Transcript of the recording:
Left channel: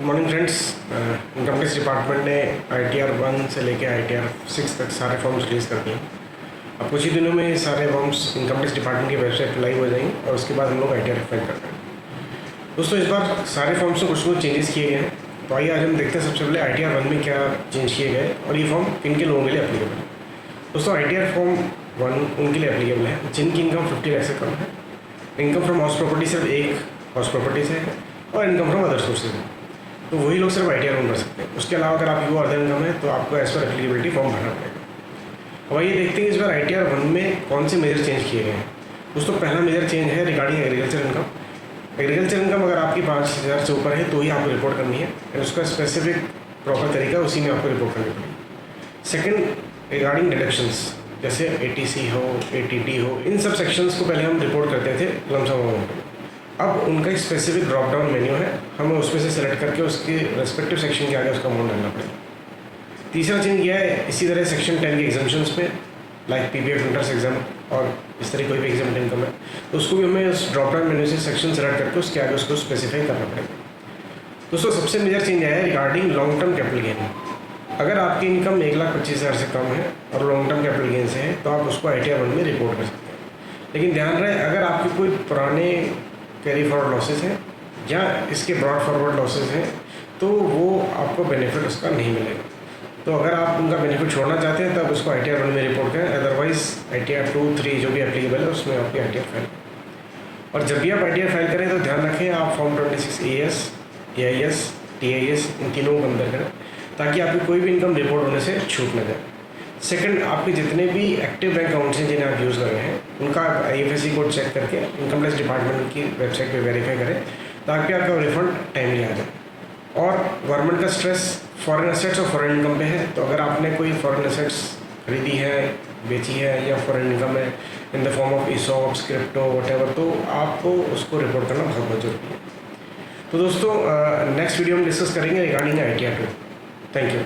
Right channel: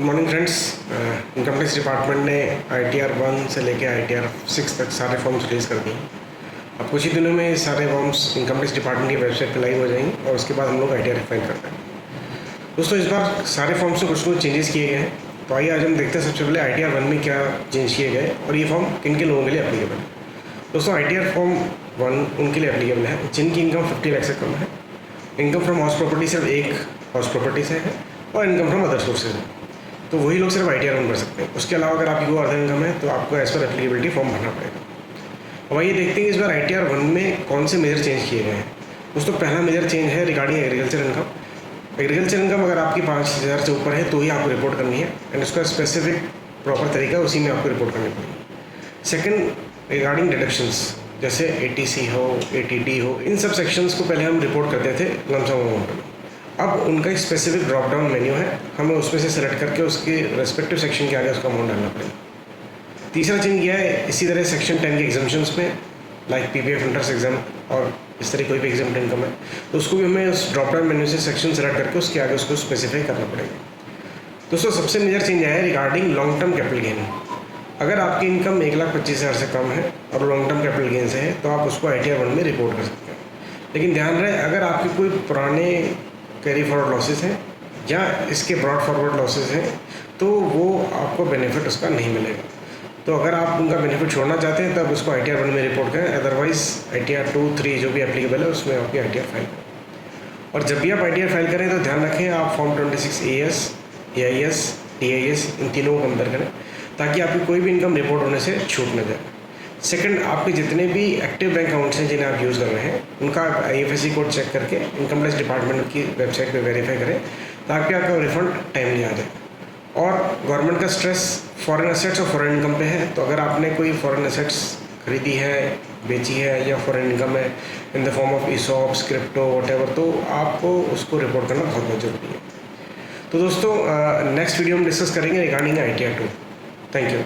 Good morning friends. Income tax department ने ITR 1 से लेके ITR 6 तक सारे फॉर्म्स रिलीज़ कर दिए। अब कुछ ही दिनों में सारे फॉर्म्स इनकम टैक्स डिपार्टमेंट की वेबसाइट पर लाइव हो जाएंगे और उसके बाद हम लोग ITR फाइल करना है। दोस्तों, इस बार सारे फॉर्म्स में कुछ चेंजेस किए गए हैं, तो आइए आज हम देखते हैं सबसे पहले ITR 1 में क्या चेंज किए गए और ये फॉर्म किन के लोगों के लिए एप्लीकेबल है। दोस्तों, ITR फॉर्म 1 उनके लिए एप्लीकेबल है जिनकी इनकम 50 लाख से कम है, इनकम फ्रॉम हाउस प्रॉपर्टी सिर्फ एक हाउस प्रॉपर्टी से है और इनकम फ्रॉम अदर सोर्सेज है, तो वही लोग सिर्फ ITR 1 भर सकते हैं। उसके अलावा अगर आपकी वो अदर इनकम है तो आपको एज पर एप्लीकेबिलिटी फॉर्म भरना पड़ेगा। वही देखते हैं इस बार ITR 1 में कौन से मेजर चेंज किए गए हैं। दोस्तों, पहला मेजर चेंज है regarding agriculture income. Agriculture income अगर आपकी 5,000 से ऊपर है तो ही आपको रिपोर्ट करनी है एंड उसका स्पेसिफिक प्रॉपर तरीका उसी में आपको रिपोर्ट करनी पड़ेगी। सेकंड, रिगार्डिंग डिडक्शंस जैसे ATC हो, ATD हो, इन सब सेक्शंस को पहले हम रिपोर्ट करते थे लमसम अमाउंट में। अब उनका एक स्पेसिफिक ड्रॉप डाउन मेन्यू है, हमें उसमें से सेलेक्ट करके उसके रेस्पेक्टिव सेक्शन के आगे उसका अमाउंट डालना पड़ेगा। तीसरा चेंज किया है इसी तरह सेक्शन 10 के एग्जाम्पशंस में, लाइक PPF इंटरेस्ट एग्जाम और इस तरह कोई भी एग्जाम इनकम है तो उसको भी हमें उस ड्रॉप डाउन मेन्यू से सेक्शन सेलेक्ट करके उसके आगे उसको स्पेसिफाई करना पड़ेगा। दोस्तों, सबसे मेजर चेंज है regarding long term capital gain. अगर आपकी इनकम 1,25,000 से कम है और लॉन्ग टर्म कैपिटल गेन से है तो आप उसको ITR 1 में रिपोर्ट कर सकते हैं। लेकिन ध्यान रहे, अगर आपके कोई पुराने कैरी फॉरवर्ड लॉसेस हैं या इसके ब्रॉड फॉरवर्ड लॉसेस हैं तो वो आपको बेनिफिट उसका नहीं मिलेगा। तो अगर आप उनका बेनिफिट छोड़ना चाहते हैं तब उसको ITR 1 में रिपोर्ट करें, अदरवाइज ITR 2, 3 जो भी एप्लीकेबल है उसमें आपकी ITR फाइल करें। और जब भी आप ITR फाइल करें तो ध्यान रखें आप फॉर्म 26 AS, AIS, TIS इन तीनों को कंपेयर करें ताकि आपकी कोई भी इनकम रिपोर्ट होने से छूट न जाए। सेकंड, आपके जितने भी एक्टिव बैंक अकाउंट्स हैं जिन्हें आप यूज़ कर रहे हैं उनका IFSC कोड चेक करके इनकम टैक्स डिपार्टमेंट की वेबसाइट पे वेरीफाई करें ताकि आपका रिफंड टाइमली आ जाए। और गवर्नमेंट का स्ट्रेस फॉरेन एसेट्स और फॉरेन इनकम पे है, तो अगर आपने कोई फॉरेन एसेट्स खरीदी है, बेची है या फॉरेन इनकम है in the form of ESOPs, crypto, whatever, तो आप उसको रिपोर्ट करना बहुत जरूरी है। तो दोस्तों, नेक्स्ट वीडियो में डिस्कस करेंगे रिगार्डिंग ITR 2। Thank you.